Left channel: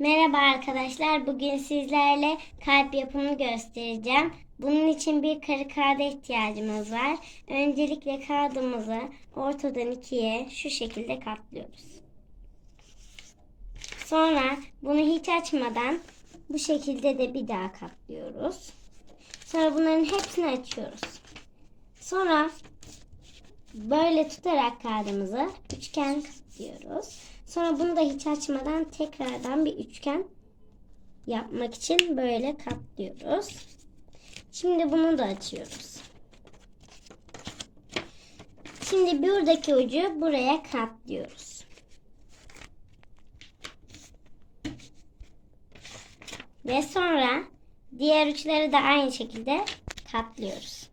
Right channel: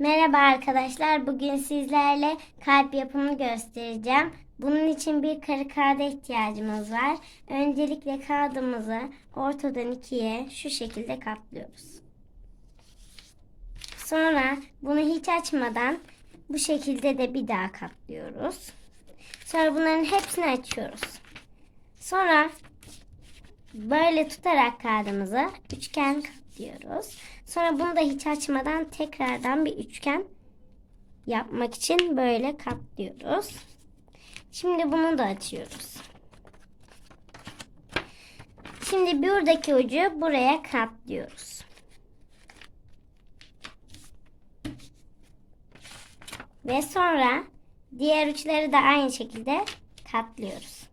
Merhaba arkadaşlar. Bugün sizlerle kalp yapımını göstereceğim. Bunun için bir kare kağıda ihtiyacımız var. Öncelikle kağıdımızı ortadan ikiye şu şekilde katlıyoruz. Sonra bunu hiç açmadan bu şekilde de bir daha katlıyoruz. Sonra bunların hepsini açıyoruz. Sonra böyle tutarak kağıdımızı üçgen katlıyoruz. Sonra bunu da hiç açmadan tekrardan bir üçgen yapmak için böyle katlıyoruz. Şimdi bunu da açıyoruz. Şimdi buradaki ucu buraya katlıyoruz. Ve sonra diğer uçları da aynı şekilde katlıyoruz.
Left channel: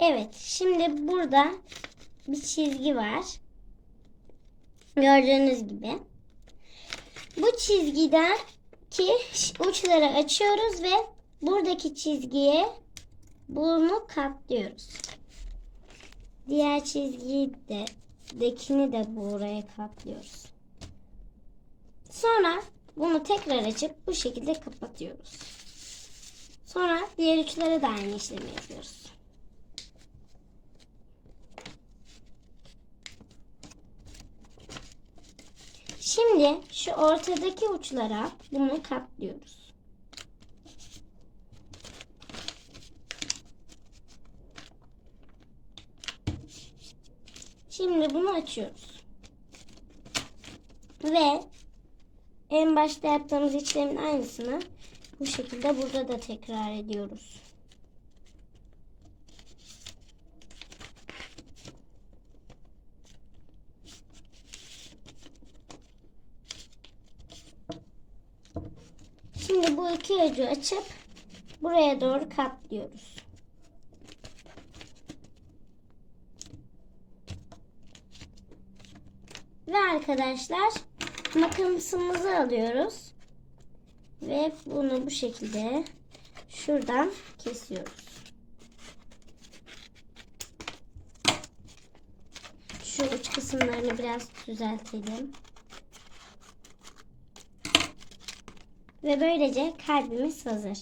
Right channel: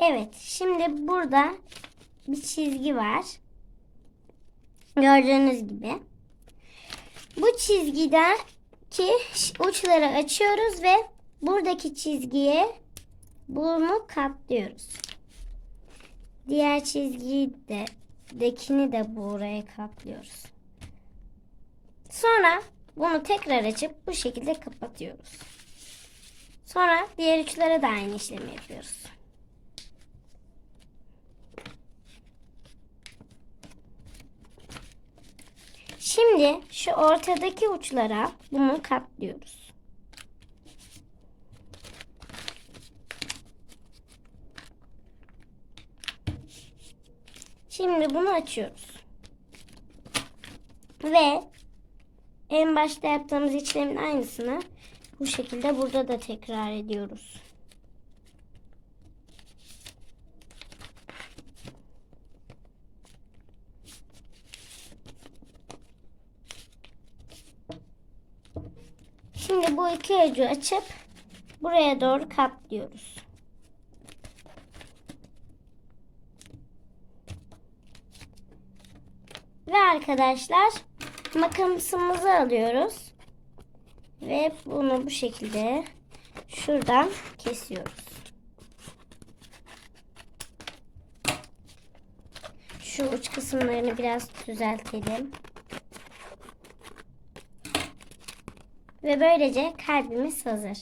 Evet, şimdi burada bir çizgi var. Gördüğünüz gibi. Bu çizgiden ki uçları açıyoruz ve buradaki çizgiye bunu katlıyoruz. Diğer çizgiyi de dekini de buraya katlıyoruz. Sonra bunu tekrar açıp bu şekilde kapatıyoruz. Sonra diğer uçlara da aynı işlemi yapıyoruz. Şimdi şu ortadaki uçlara bunu katlıyoruz. Şimdi bunu açıyoruz. Ve en başta yaptığımız işlemin aynısını bu şekilde burada da tekrar ediyoruz. Şimdi bu iki ucu açıp buraya doğru katlıyoruz. Ve arkadaşlar makasımızı alıyoruz. Ve bunu bu şekilde şuradan kesiyoruz. Şu uç kısımlarını biraz düzeltelim. Ve böylece kalbimiz hazır.